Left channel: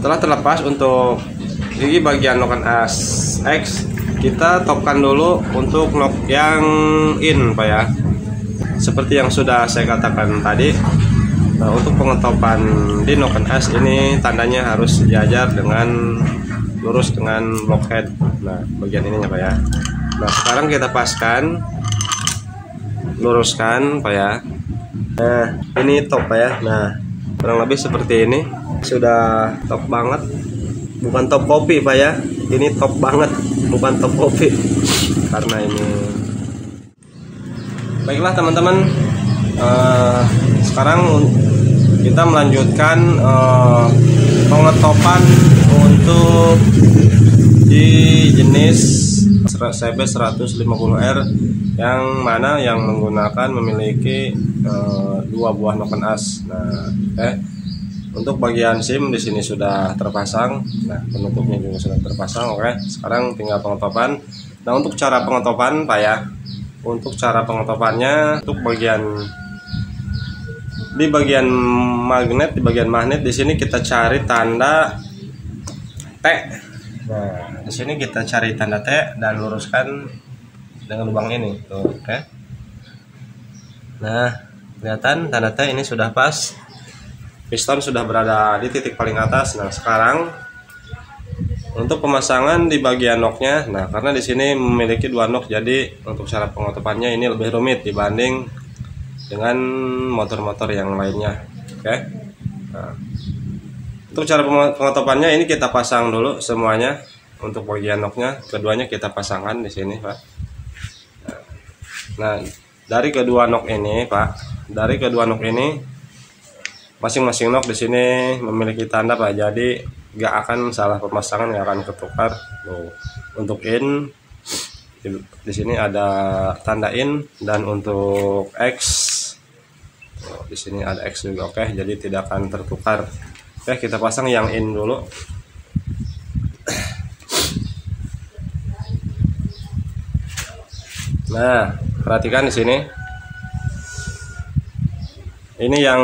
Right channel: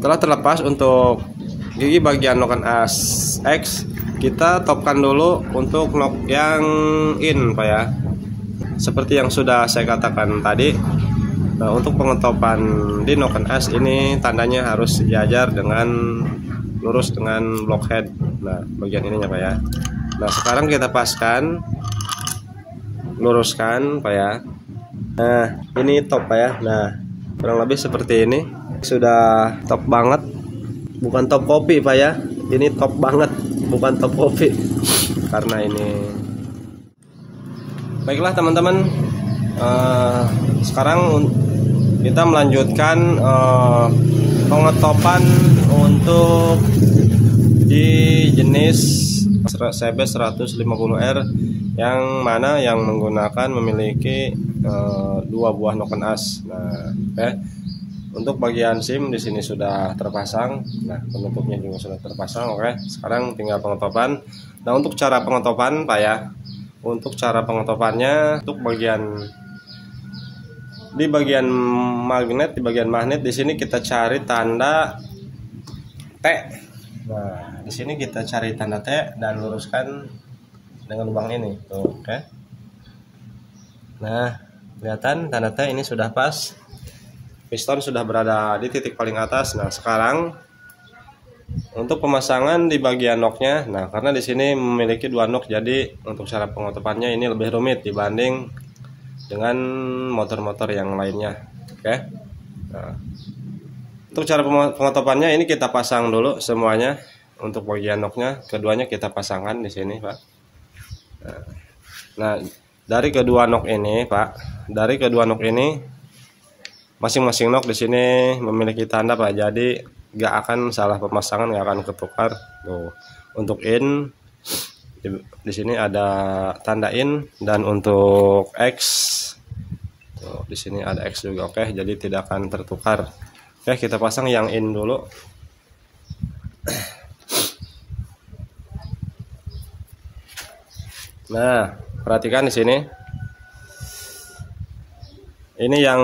setelah terlepas untuk di bagian lock as X, kita topkan dulu untuk knob yang in Pak ya. Seperti yang sudah saya katakan tadi, untuk pengetopan di knob as ini tandanya harus sejajar dengan lurus dengan blockhead. Nah, bagian ininya Pak ya. Nah, sekarang kita paskan, luruskan Pak ya. Nah, ini top Pak ya. Nah, kurang lebih seperti ini. Sudah top banget. Bukan top kopi Pak ya. Ini top banget, bukan top kopi. Karena ini. Baiklah teman-teman. Sekarang kita melanjutkan pengetopan untuk di jenis CB 150R yang mana yang memiliki dua buah noken as. Nah, untuk bagian SIM di sini sudah terpasang. Nah, penutupnya juga sudah terpasang. Oke, sekarang tinggal pengetopan. Nah, untuk cara pengetopan Pak ya. Untuk cara pengetopannya, untuk di bagian magnet di sini kita cari tanda T. Nah, di sini kita cari tanda T dan luruskan dengan lubang ini. Tuh, oke. Nah, kelihatan tanda T ini sudah pas. Piston sudah berada di titik paling atas. Nah, sekarang untuk pemasangan di bagian knocknya, nah karena di sini memiliki dua knock, jadi untuk cara pengetopannya ini lebih rumit dibanding dengan motor-motor yang lainnya. Oke. Nah, untuk cara pengetopannya ini kita pasang dulu semuanya. Untuk bagian knocknya, keduanya kita pasangkan di sini Pak. Nah, dari kedua knock ini Pak, masing-masing knock di sini memiliki tanda Pak, jadi nggak akan salah pemasangan, nggak akan ketukar. Tuh. Untuk in di sini ada tanda in, dan untuk X tuh, di sini ada X juga. Oke, jadi tidak akan tertukar. Oke, kita pasang yang in dulu. Nah, perhatikan di sini. Ini yang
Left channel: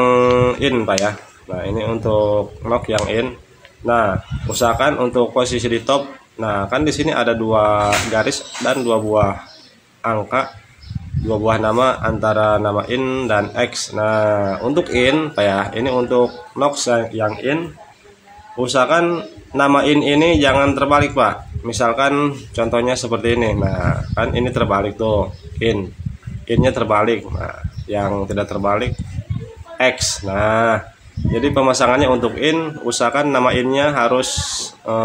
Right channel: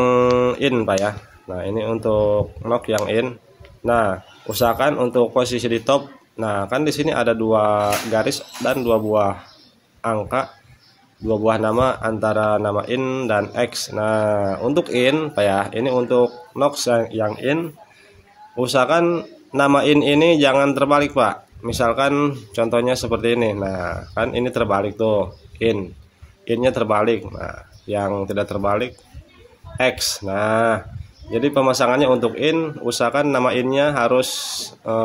in Pak ya. Nah, ini untuk knock yang in. Nah, usahakan untuk posisi di top. Nah, kan di sini ada dua garis dan dua buah angka, dua buah nama antara nama in dan X. Nah, untuk in Pak ya, ini untuk knock yang in, usahakan nama in ini jangan terbalik Pak. Misalkan contohnya seperti ini. Nah, kan ini terbalik tuh, innya terbalik. Nah, yang tidak terbalik X. Nah, jadi pemasangannya untuk in, usahakan nama innya harus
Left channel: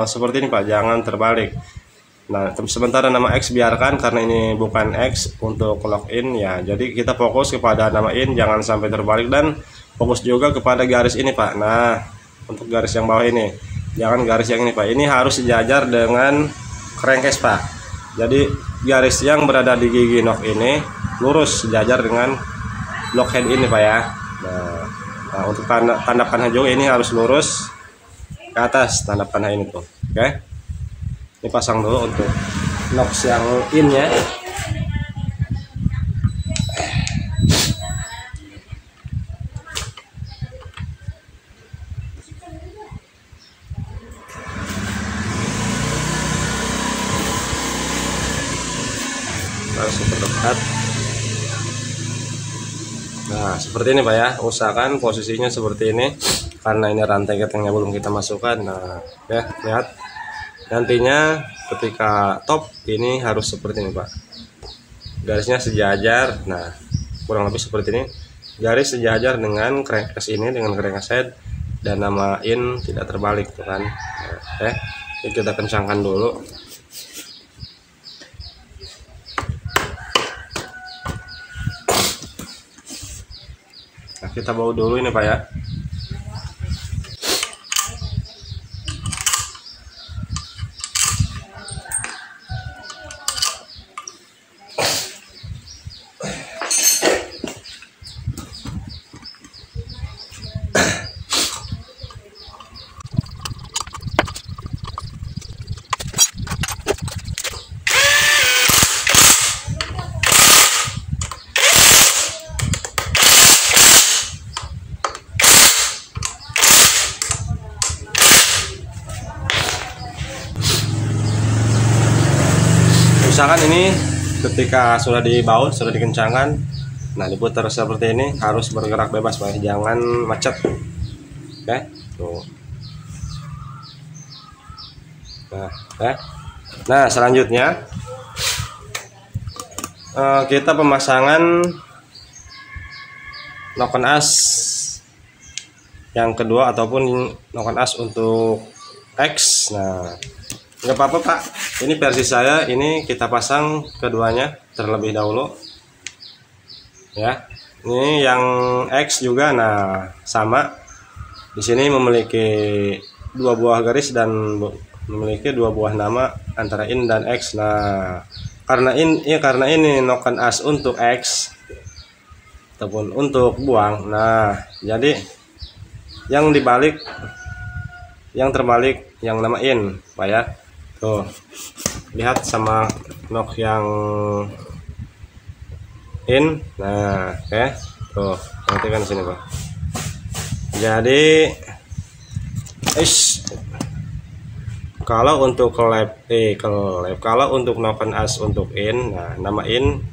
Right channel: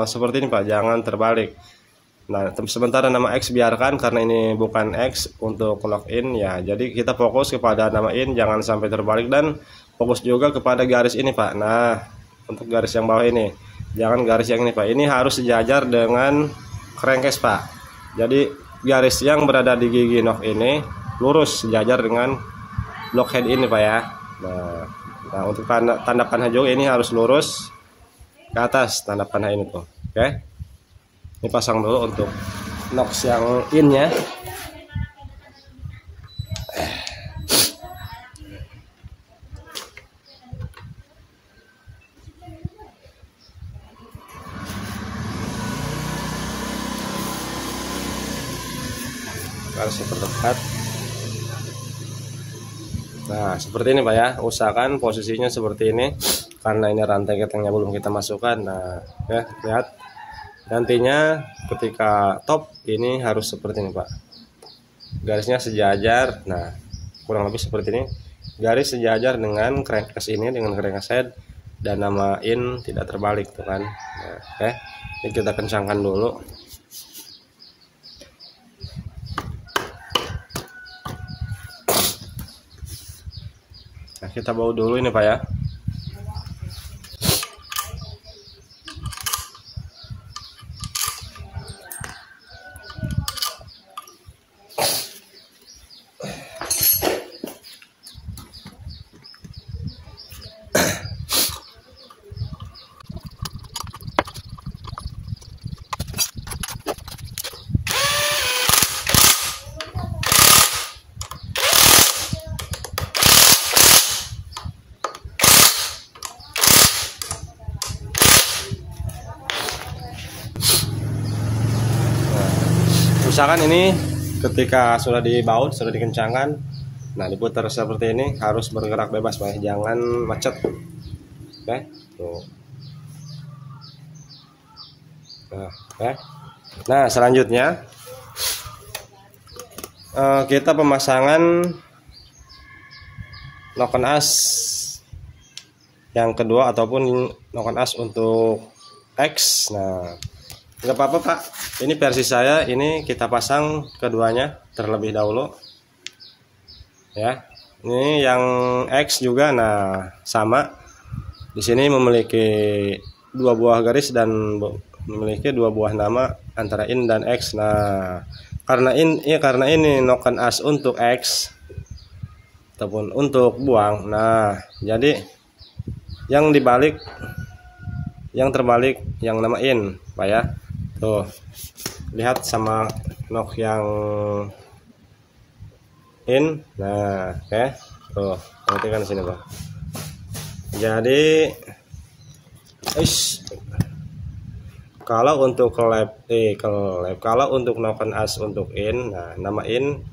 seperti ini Pak, jangan terbalik. Nah, sementara nama X biarkan karena ini bukan X untuk knock in ya. Jadi kita fokus kepada nama in, jangan sampai terbalik, dan fokus juga kepada garis ini Pak. Nah, untuk garis yang bawah ini, jangan garis yang ini Pak. Ini harus sejajar dengan crankcase Pak. Jadi garis yang berada di gigi knock ini lurus sejajar dengan blockhead ini Pak ya. Nah, untuk tanda panah juga ini harus lurus ke atas tanda panah ini tuh. Oke. Ini pasang dulu untuk knock yang in-nya. Langsung terdekat. Nah, seperti ini Pak ya. Usahakan posisinya seperti ini karena ini rantai ketengnya belum kita masukkan. Nah, ya, lihat. Nantinya ketika top ini harus seperti ini Pak. Garisnya sejajar. Nah, kurang lebih seperti ini. Garis sejajar dengan crankcase ini, dengan crankcase head, dan nama in tidak terbalik tuh kan. Nah, ini kita kencangkan dulu. Nah, kita bawa dulu ini Pak ya. usahakan ini ketika sudah dibaut, sudah dikencangkan, nah diputar seperti ini, harus bergerak bebas Pak, jangan macet. Oke, tuh. Nah selanjutnya kita pemasangan noken as yang kedua ataupun noken as untuk X. Nah nggak apa-apa Pak, ini versi saya, ini kita pasang keduanya terlebih dahulu ya. Ini yang X juga, nah sama di sini memiliki dua buah garis dan memiliki dua buah nama antara in dan X. Nah karena ini noken as untuk X ataupun untuk buang, nah jadi yang dibalik, yang terbalik yang nama in Pak ya. Tuh lihat sama nok yang in. Nah oke, tuh perhatikan sini Pak. Jadi kalau untuk kalau untuk noken as untuk in, nah nama in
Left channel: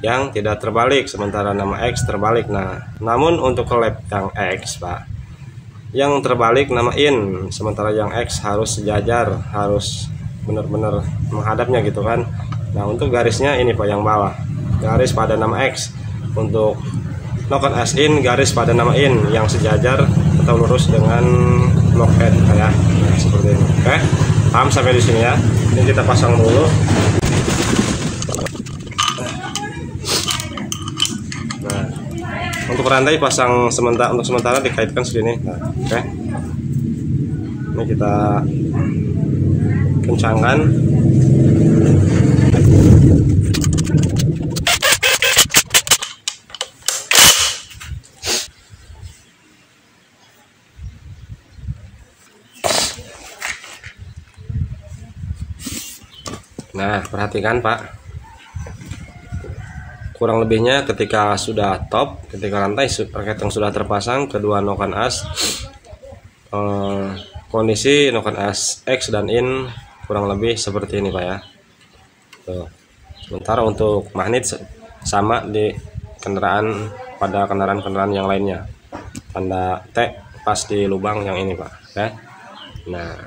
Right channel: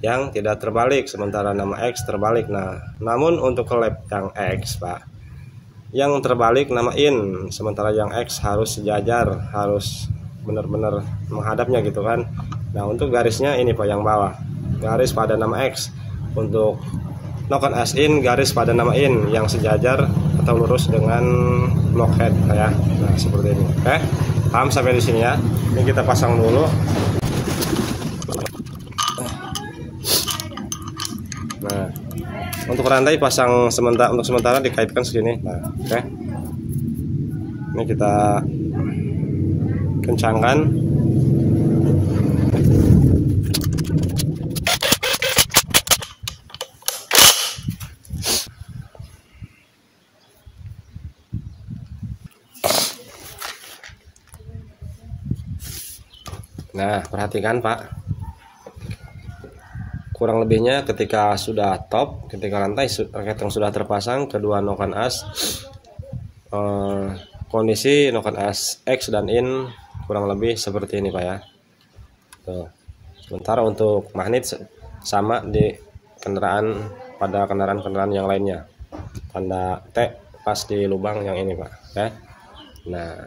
yang tidak terbalik, sementara nama X terbalik. Nah namun untuk collab yang X Pak, yang terbalik nama in, sementara yang X harus sejajar, harus benar-benar menghadapnya gitu kan. Nah untuk garisnya ini Pak yang bawah, garis pada nama X. Untuk noken as in, garis pada nama in yang sejajar atau lurus dengan blockhead kayak nah, seperti ini. Oke, paham sampai di sini ya. Ini kita pasang dulu. Nah untuk rantai pasang sementara dikaitkan segini. Nah, oke. Ini kita kencangkan. Nah perhatikan Pak, kurang lebihnya ketika sudah top, ketika rantai keteng sudah terpasang kedua noken as, kondisi noken as X dan in kurang lebih seperti ini Pak ya. Tuh. Sementara untuk magnet sama di kendaraan, pada kendaraan yang lainnya, tanda T pas di lubang yang ini Pak ya. Nah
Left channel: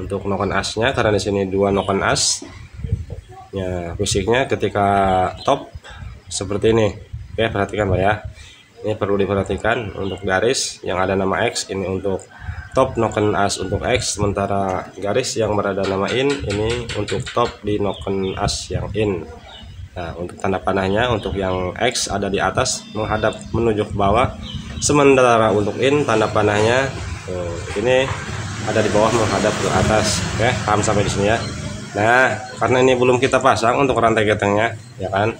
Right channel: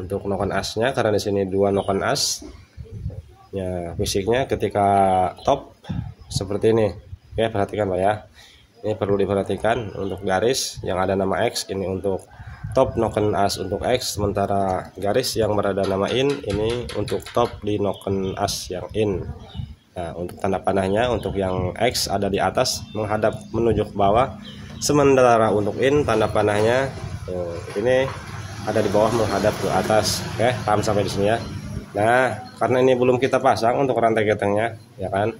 untuk noken asnya, karena di sini dua noken as ya, fisiknya ketika top seperti ini. Oke, perhatikan Pak ya. Ini perlu diperhatikan untuk garis yang ada nama X, ini untuk top noken as untuk X, sementara garis yang berada nama in ini untuk top di noken as yang in. Nah untuk tanda panahnya, untuk yang X ada di atas menghadap menuju ke bawah, sementara untuk in tanda panahnya ini ada di bawah menghadap ke atas. Oke, paham sampai di sini ya. Nah karena ini belum kita pasang untuk rantai ketengnya ya kan.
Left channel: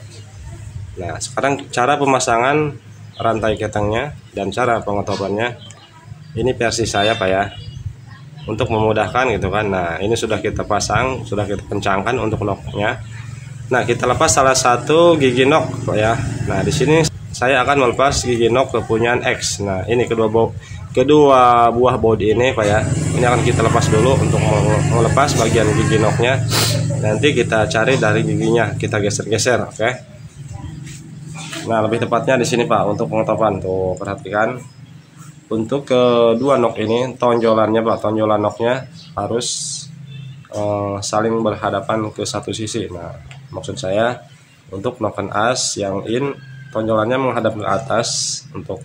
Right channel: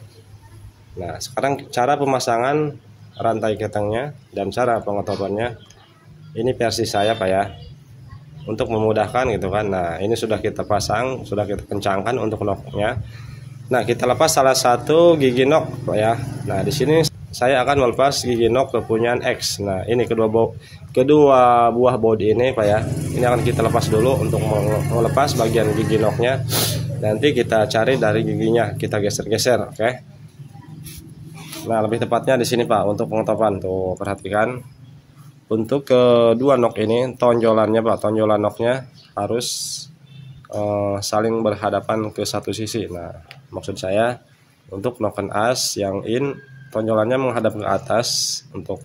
Nah sekarang cara pemasangan rantai ketengnya dan cara pengetopannya, ini versi saya Pak ya, untuk memudahkan gitu kan. Nah ini sudah kita pasang, sudah kita kencangkan untuk noknya. Nah kita lepas salah satu gigi nok Pak ya. Nah di sini saya akan melepas gigi nok kepunyaan X. Nah ini kedua buah bodi ini Pak ya, ini akan kita lepas dulu untuk melepas bagian gigi noknya. Nanti kita cari dari giginya, kita geser-geser. Oke. Nah lebih tepatnya di sini Pak untuk pengetopan. Tuh perhatikan, untuk kedua nok ini tonjolannya Pak, tonjolan noknya harus saling berhadapan ke satu sisi. Nah maksud saya untuk noken as yang in tonjolannya menghadap ke atas, untuk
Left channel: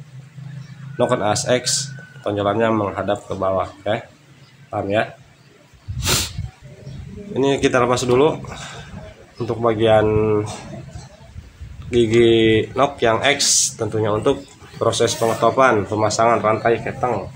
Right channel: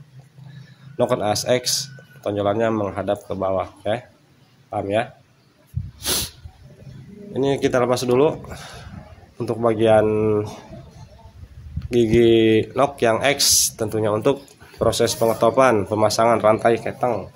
noken as X tonjolannya menghadap ke bawah. Oke, paham ya. Ini kita lepas dulu untuk bagian gigi nok yang X, tentunya untuk proses pengetopan pemasangan rantai keteng.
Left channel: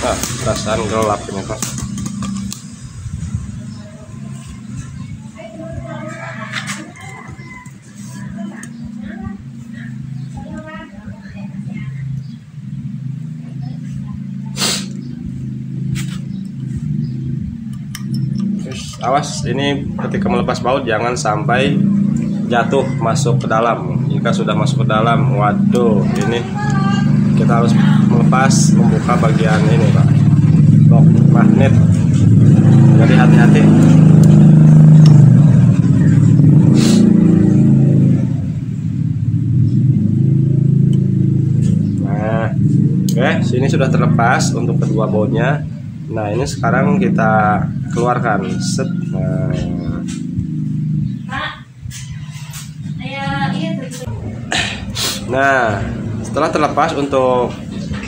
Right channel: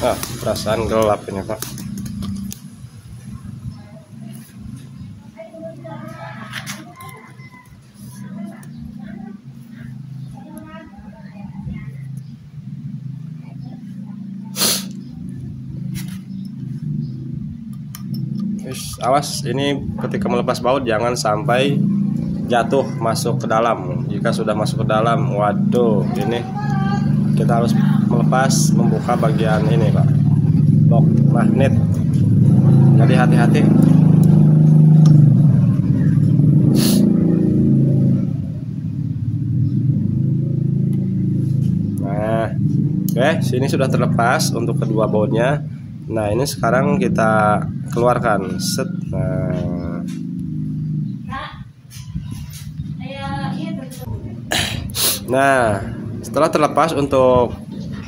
Nah, perasaan gelap ini Pak. awas ini ketika melepas baut jangan sampai jatuh masuk ke dalam. Jika sudah masuk ke dalam, waduh, ini kita harus melepas, membuka bagian ini Pak, lock magnet. Jadi hati-hati. Nah, oke, sini sudah terlepas untuk kedua bautnya. Nah, ini sekarang kita keluarkan. Set. Nah, setelah terlepas untuk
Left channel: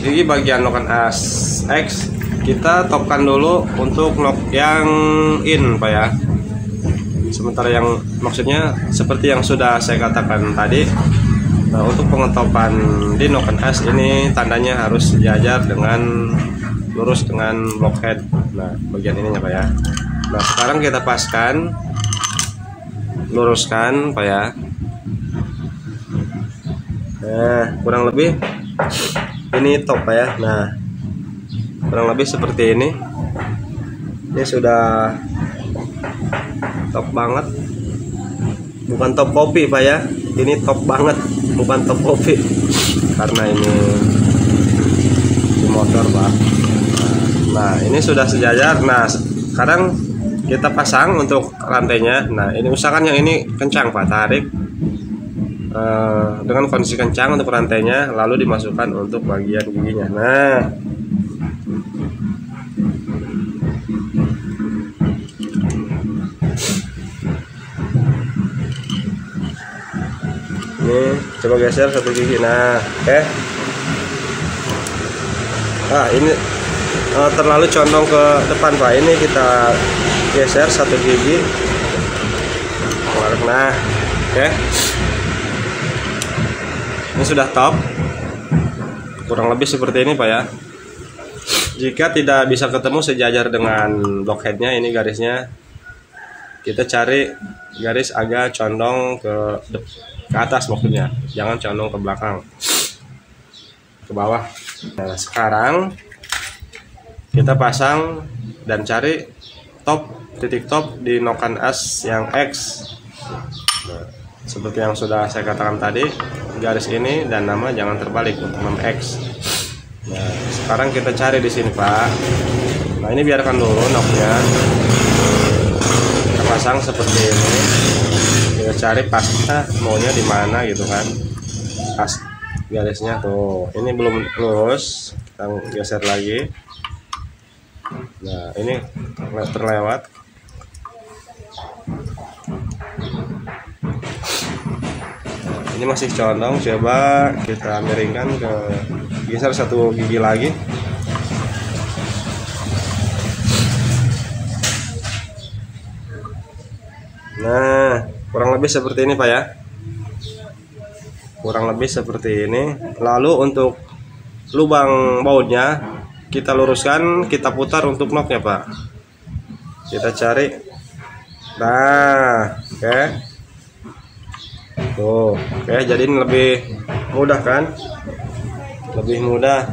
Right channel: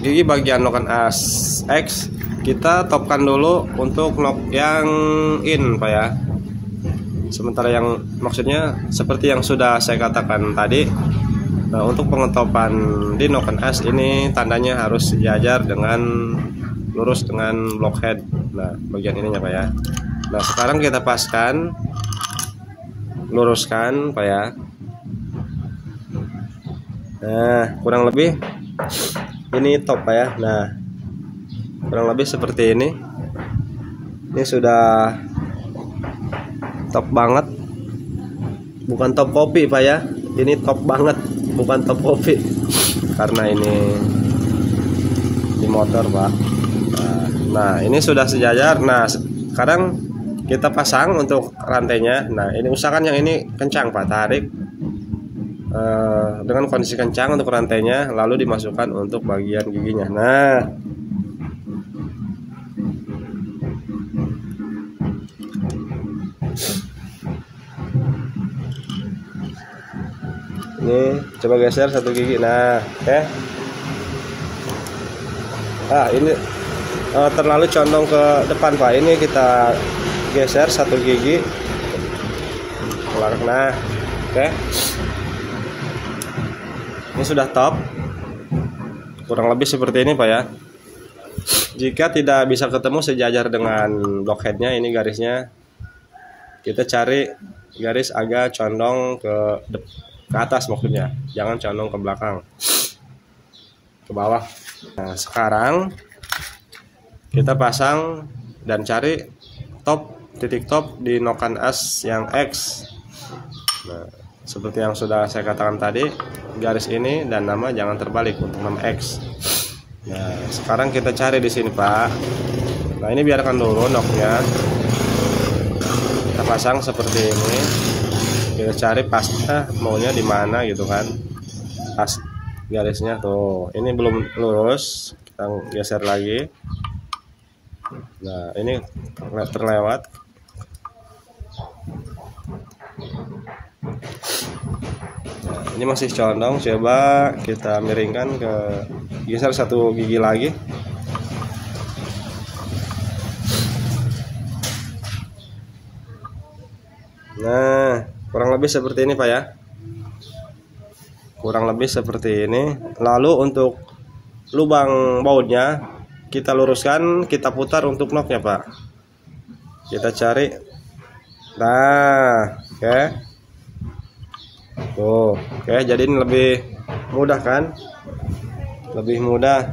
gigi bagian lock as X, kita topkan dulu untuk knob yang in Pak ya. Sementara yang maksudnya seperti yang sudah saya katakan tadi. Nah, untuk pengentopan di knob as ini tandanya harus sejajar dengan lurus dengan blockhead. Nah, bagian ininya Pak ya. Nah, sekarang kita paskan, luruskan Pak ya. Nah, kurang lebih ini top Pak ya. Nah, kurang lebih seperti ini. Ini sudah top banget. Bukan top kopi Pak ya. Ini top banget, bukan top kopi. Karena ini motor Pak. Nah, ini sudah sejajar. Nah, sekarang kita pasang untuk rantainya. Nah, ini usahakan yang ini kencang Pak, tarik dengan kondisi kencang untuk rantainya, lalu dimasukkan untuk bagian giginya. Nah, ini coba geser satu gigi. Nah, oke. Ini terlalu condong ke depan Pak. Ini kita geser satu gigi. Nah, oke. Ini sudah top. Kurang lebih seperti ini Pak ya. Jika tidak bisa ketemu sejajar dengan blockheadnya, ini garisnya, kita cari garis agak condong ke atas maksudnya, jangan condong ke belakang, ke bawah. Nah, sekarang kita pasang dan cari top, titik top di nokan as yang X. Nah, seperti yang sudah saya katakan tadi, garis ini dan nama jangan terbalik untuk nama X. Nah, sekarang kita cari di sini Pak. Nah, ini biarkan dulu noknya. Kita pasang seperti ini. Kita cari pasnya maunya di mana gitu kan. Pas garisnya tuh. Ini belum lurus. Kita geser lagi. Nah, ini terlewat. Ini masih condong, coba kita miringkan ke geser satu gigi lagi. Nah, kurang lebih seperti ini Pak ya. Kurang lebih seperti ini. Lalu untuk lubang bautnya kita luruskan, kita putar untuk knocknya Pak. Kita cari. Nah, oke. Oke, jadi ini lebih mudah kan? Lebih mudah.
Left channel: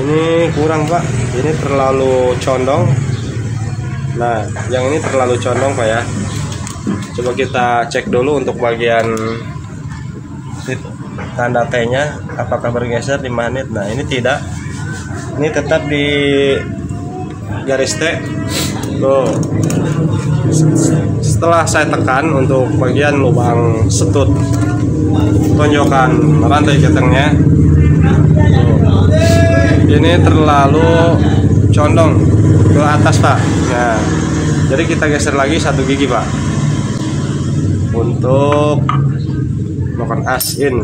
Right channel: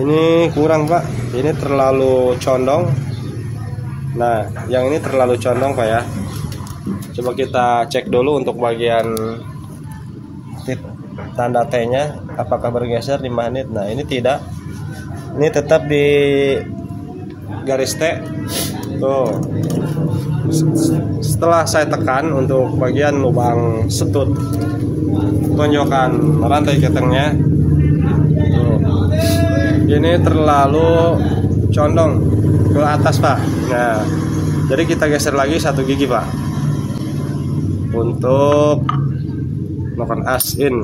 Ini kurang Pak, ini terlalu condong. Nah, yang ini terlalu condong Pak ya. Coba kita cek dulu untuk bagian tanda T-nya, apakah bergeser di magnet. Nah, ini tidak. Ini tetap di garis T. Tuh. Setelah saya tekan untuk bagian lubang setut tonjokan rantai ketengnya, ini terlalu condong ke atas Pak. Nah, jadi kita geser lagi satu gigi Pak untuk melakukan as in.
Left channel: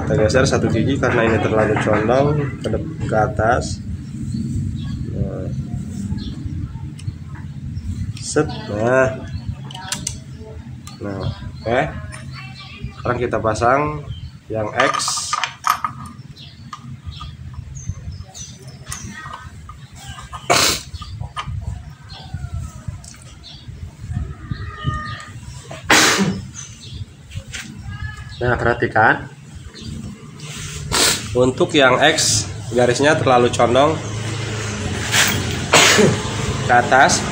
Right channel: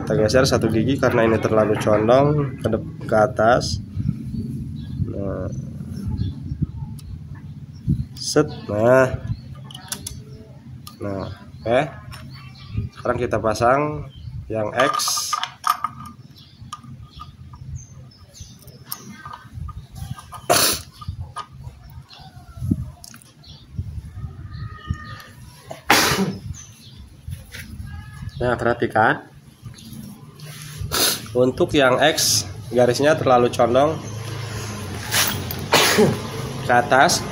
Kita geser satu gigi karena ini terlalu condong ke atas. Set. Nah, oke. Sekarang kita pasang yang X. Nah, perhatikan. Untuk yang X garisnya terlalu condong ke atas,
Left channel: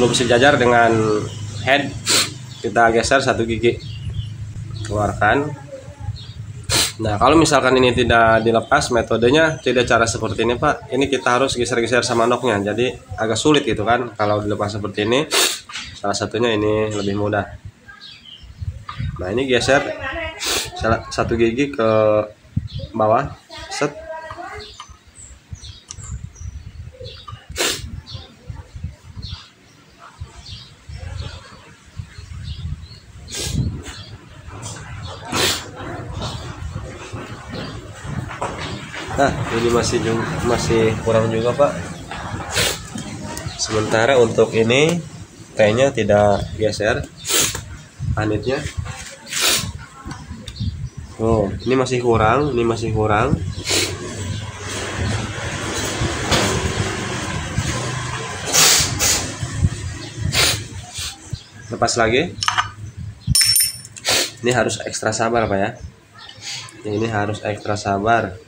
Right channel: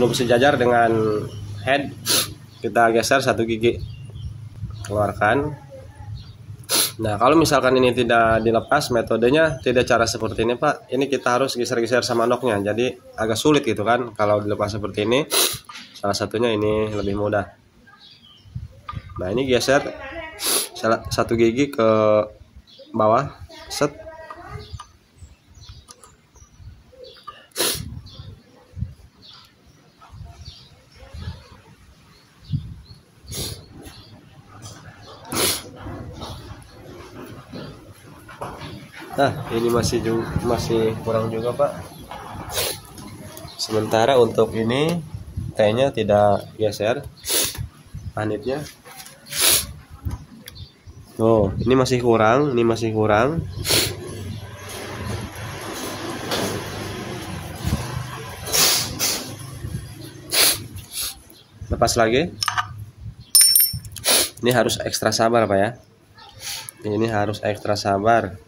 belum sejajar dengan head, kita geser 1 gigi, keluarkan. Nah, kalau misalkan ini tidak dilepas, metodenya tidak cara seperti ini Pak. Ini kita harus geser-geser sama noknya, jadi agak sulit gitu kan. Kalau dilepas seperti ini, salah satunya ini lebih mudah. Nah, ini geser 1 gigi ke bawah, set. Nah, ini masih kurang juga Pak. Sementara untuk ini kayaknya tidak geser panitnya. Oh, ini masih kurang, Lepas lagi. Ini harus ekstra sabar Pak ya. Ini harus ekstra sabar.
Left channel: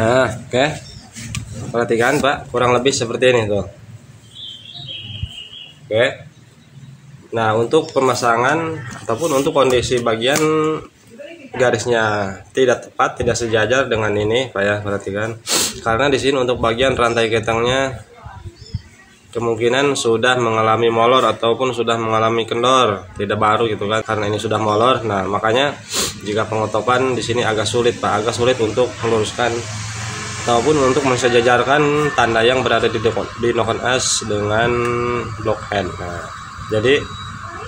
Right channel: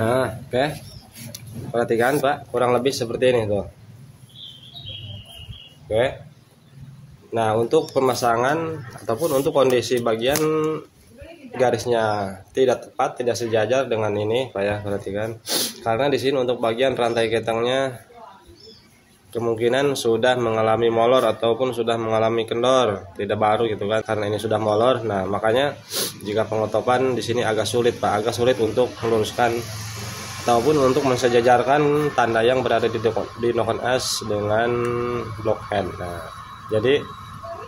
Nah, oke. Perhatikan Pak, kurang lebih seperti ini tuh. Oke. Nah, untuk pemasangan ataupun untuk kondisi bagian garisnya tidak tepat, tidak sejajar dengan ini Pak ya, perhatikan. Karena di sini untuk bagian rantai ketangnya kemungkinan sudah mengalami molor ataupun sudah mengalami kendor, tidak baru gitu kan, karena ini sudah molor. Nah, makanya jika pengotopan di sini agak sulit Pak, agak sulit untuk meluruskan ataupun untuk mensejajarkan tanda yang berada di knock on S dengan block hand. Nah, jadi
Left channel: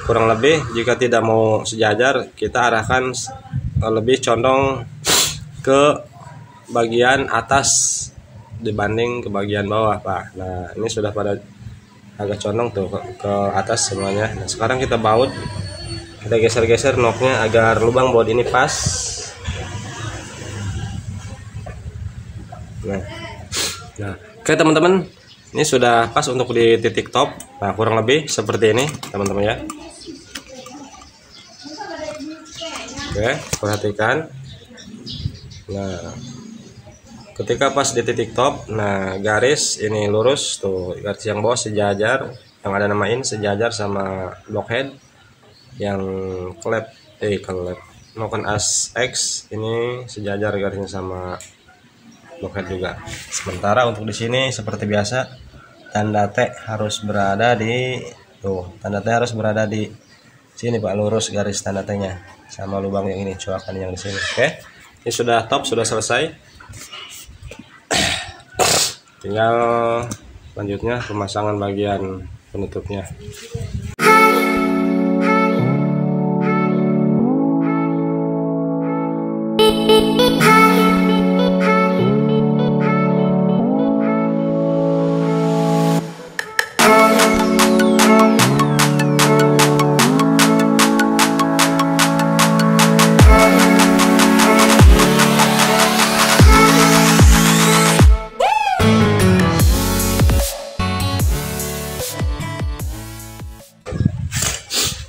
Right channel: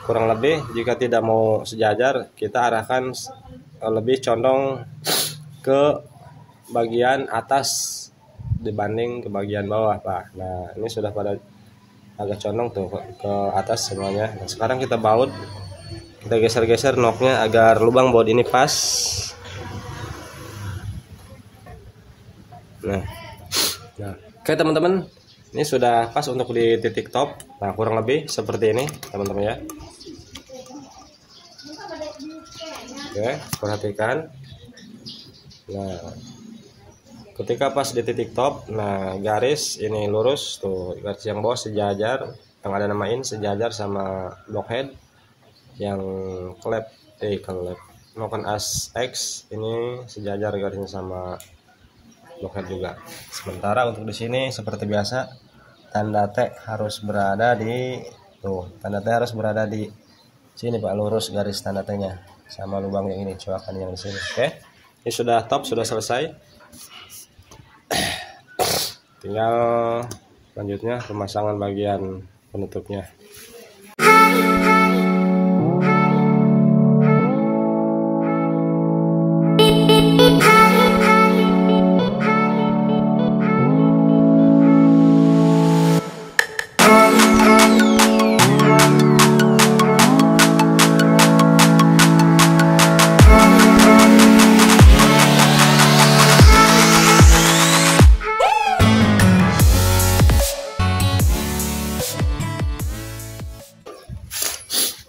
kurang lebih jika tidak mau sejajar, kita arahkan lebih condong ke bagian atas dibanding ke bagian bawah Pak. Nah, ini sudah pada agak condong tuh ke atas semuanya. Nah, sekarang kita baut, kita geser-geser knocknya agar lubang baut ini pas. Nah, oke teman-teman, ini sudah pas untuk di titik top. Nah, kurang lebih seperti ini teman-teman ya. Oke, perhatikan. Nah, ketika pas di titik top, nah garis ini lurus tuh, garis yang bawah sejajar, yang ada nama in sejajar sama blockhead, yang klep knock on X ini sejajar garisnya sama blockhead juga. Sementara untuk di sini seperti biasa, tanda T harus berada di tanda T harus berada di sini Pak, lurus garis tanda T-nya sama lubang yang ini, coakan yang di sini. Oke, ini sudah top, sudah selesai. Tinggal lanjutnya pemasangan bagian penutupnya.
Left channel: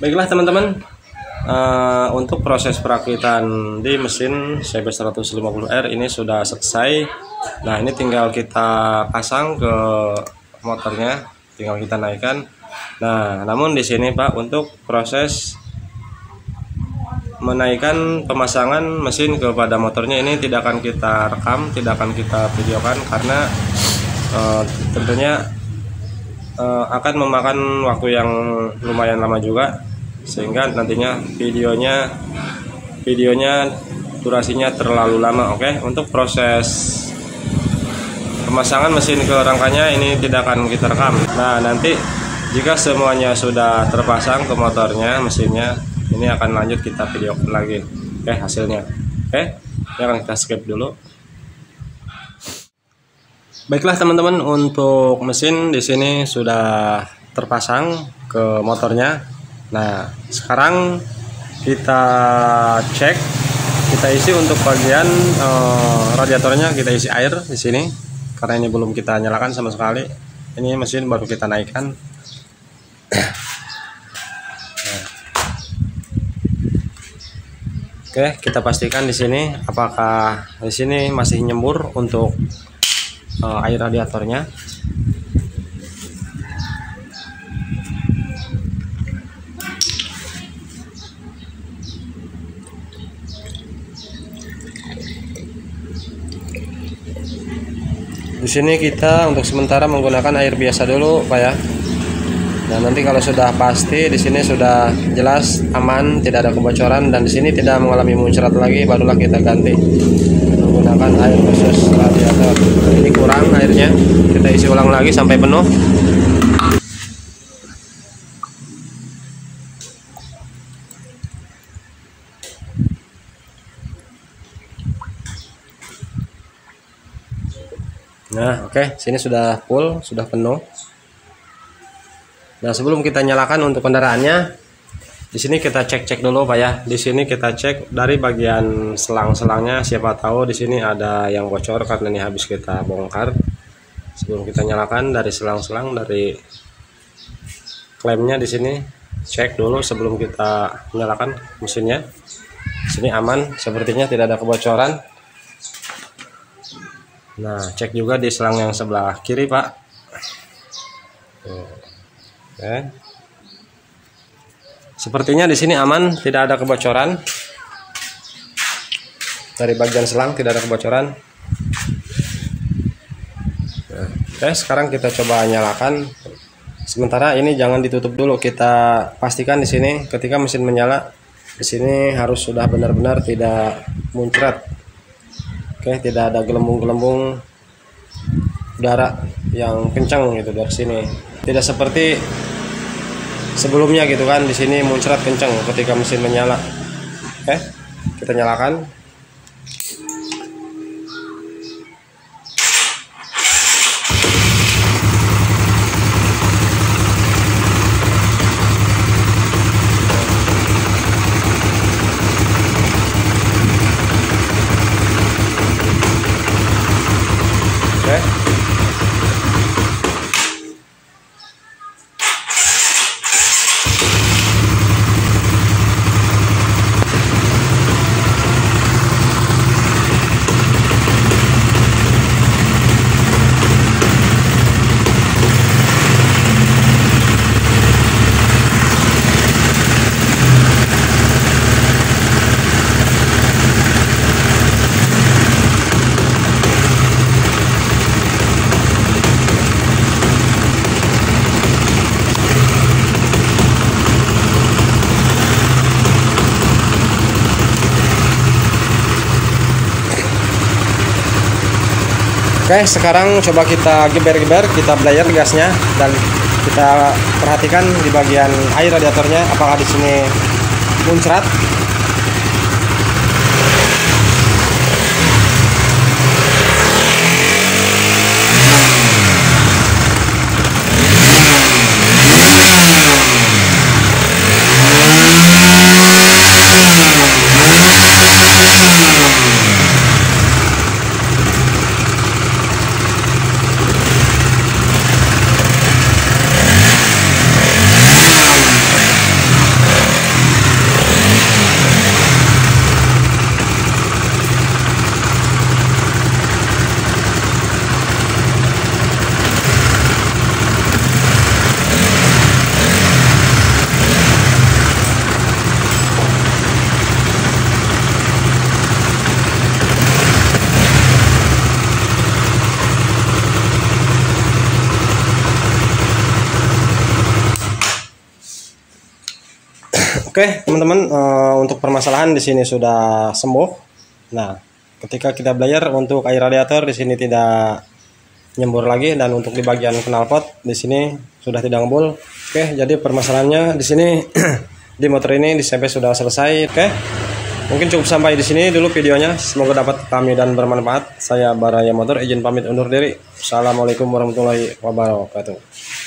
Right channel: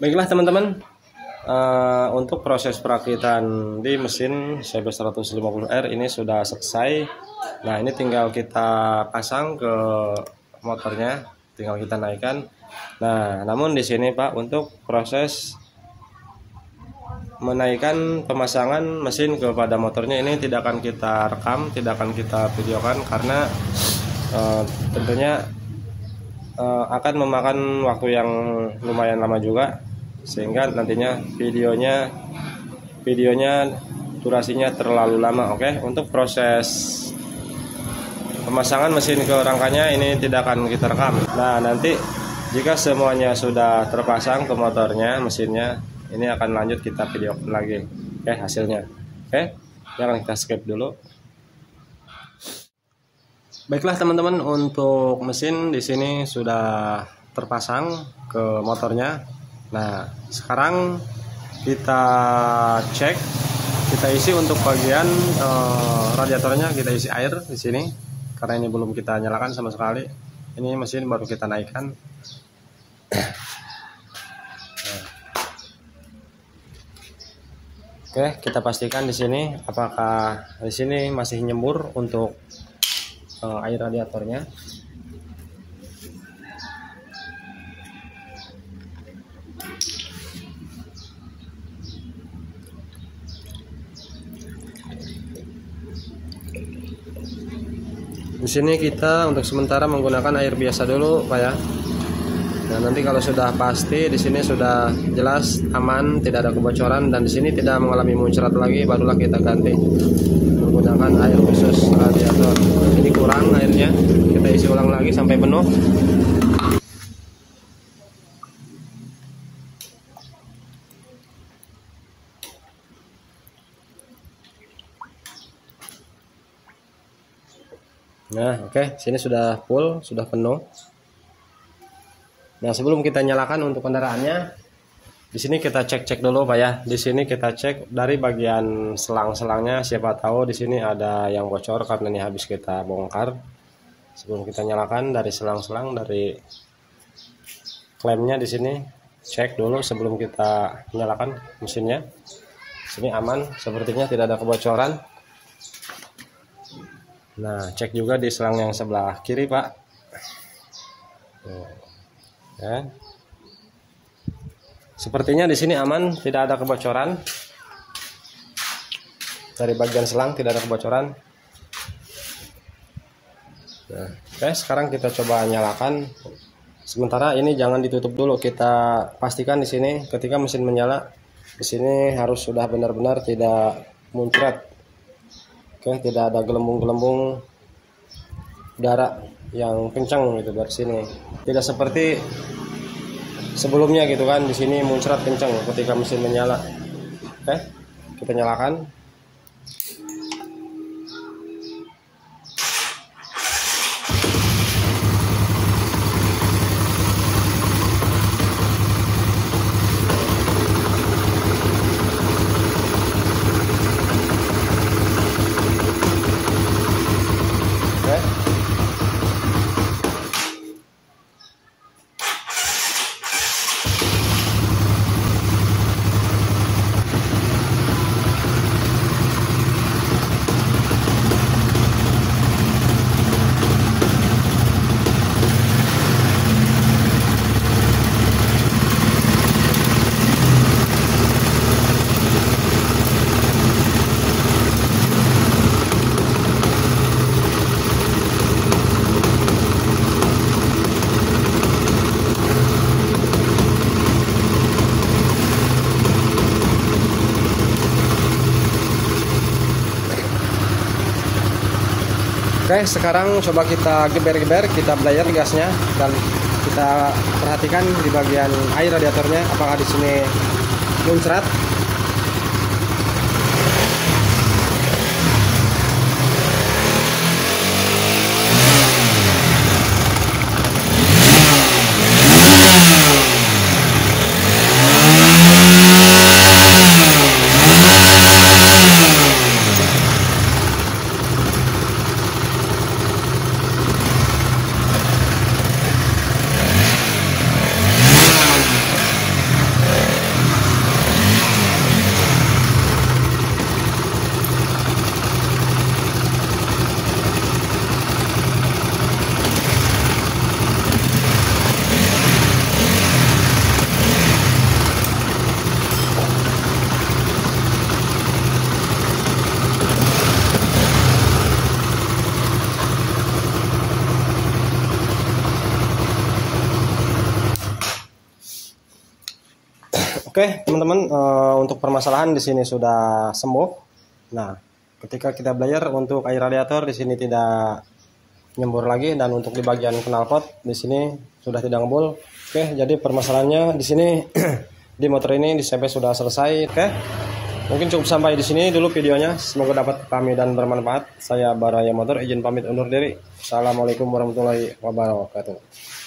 Baiklah teman-teman, untuk proses perakitan di mesin CB 150R ini sudah selesai. Nah, ini tinggal kita pasang ke motornya, tinggal kita naikkan. Nah, namun di sini Pak, untuk proses menaikkan pemasangan mesin kepada motornya ini tidak akan kita rekam, tidak akan kita videokan karena tentunya akan memakan waktu yang lumayan lama juga, sehingga nantinya videonya durasinya terlalu lama. Oke, untuk proses pemasangan mesin ke rangkanya ini tidak akan kita rekam. Nah, nanti jika semuanya sudah terpasang ke motornya, mesinnya, ini akan lanjut kita videokan lagi hasilnya. Oke, jangan kita skip dulu. Baiklah teman-teman, untuk mesin di sini sudah terpasang ke motornya. Nah, sekarang kita cek, kita isi untuk bagian radiatornya, kita isi air di sini karena ini belum kita nyalakan sama sekali. Ini mesin baru kita naikkan. Oke, kita pastikan di sini apakah di sini masih nyembur untuk air radiatornya. Di sini kita untuk sementara menggunakan air biasa dulu, Pak ya. Dan nanti kalau sudah pasti di sini sudah jelas aman, tidak ada kebocoran dan di sini tidak mengalami muncrat lagi, barulah kita ganti menggunakan air khusus radiator. Ini kurang airnya, kita isi ulang lagi sampai penuh. Nah, oke, sini sudah full, sudah penuh. Nah, sebelum kita nyalakan untuk kendaraannya, di sini kita cek dulu, Pak ya. Di sini kita cek dari bagian selang-selangnya, siapa tahu di sini ada yang bocor karena ini habis kita bongkar. Sebelum kita nyalakan dari selang-selang, dari klemnya di sini cek dulu sebelum kita nyalakan mesinnya. Di sini aman, sepertinya tidak ada kebocoran. Nah, cek juga di selang yang sebelah kiri, Pak. Oke. Sepertinya di sini aman, tidak ada kebocoran. Dari bagian selang tidak ada kebocoran. Nah, oke, sekarang kita coba nyalakan. Sementara ini jangan ditutup dulu, kita pastikan di sini ketika mesin menyala, di sini harus sudah benar-benar tidak muncrat. Oke, tidak ada gelembung-gelembung udara yang kencang gitu dari sini. Tidak seperti sebelumnya gitu kan, di sini muncrat kencang ketika mesin menyala. Oke, kita nyalakan. Oke, sekarang coba kita geber-geber, kita belayer gasnya dan kita perhatikan di bagian air radiatornya apakah di sini muncrat. Oke, teman-teman, untuk permasalahan di sini sudah sembuh. Nah, ketika kita belajar untuk air radiator di sini tidak nyembur lagi, dan untuk di bagian knalpot di sini sudah tidak ngebul. Oke, jadi permasalahannya di sini di motor ini di sampai sudah selesai. Oke. Mungkin cukup sampai di sini dulu videonya. Semoga dapat kami dan bermanfaat. Saya Baraya Motor izin pamit undur diri. Assalamualaikum warahmatullahi wabarakatuh.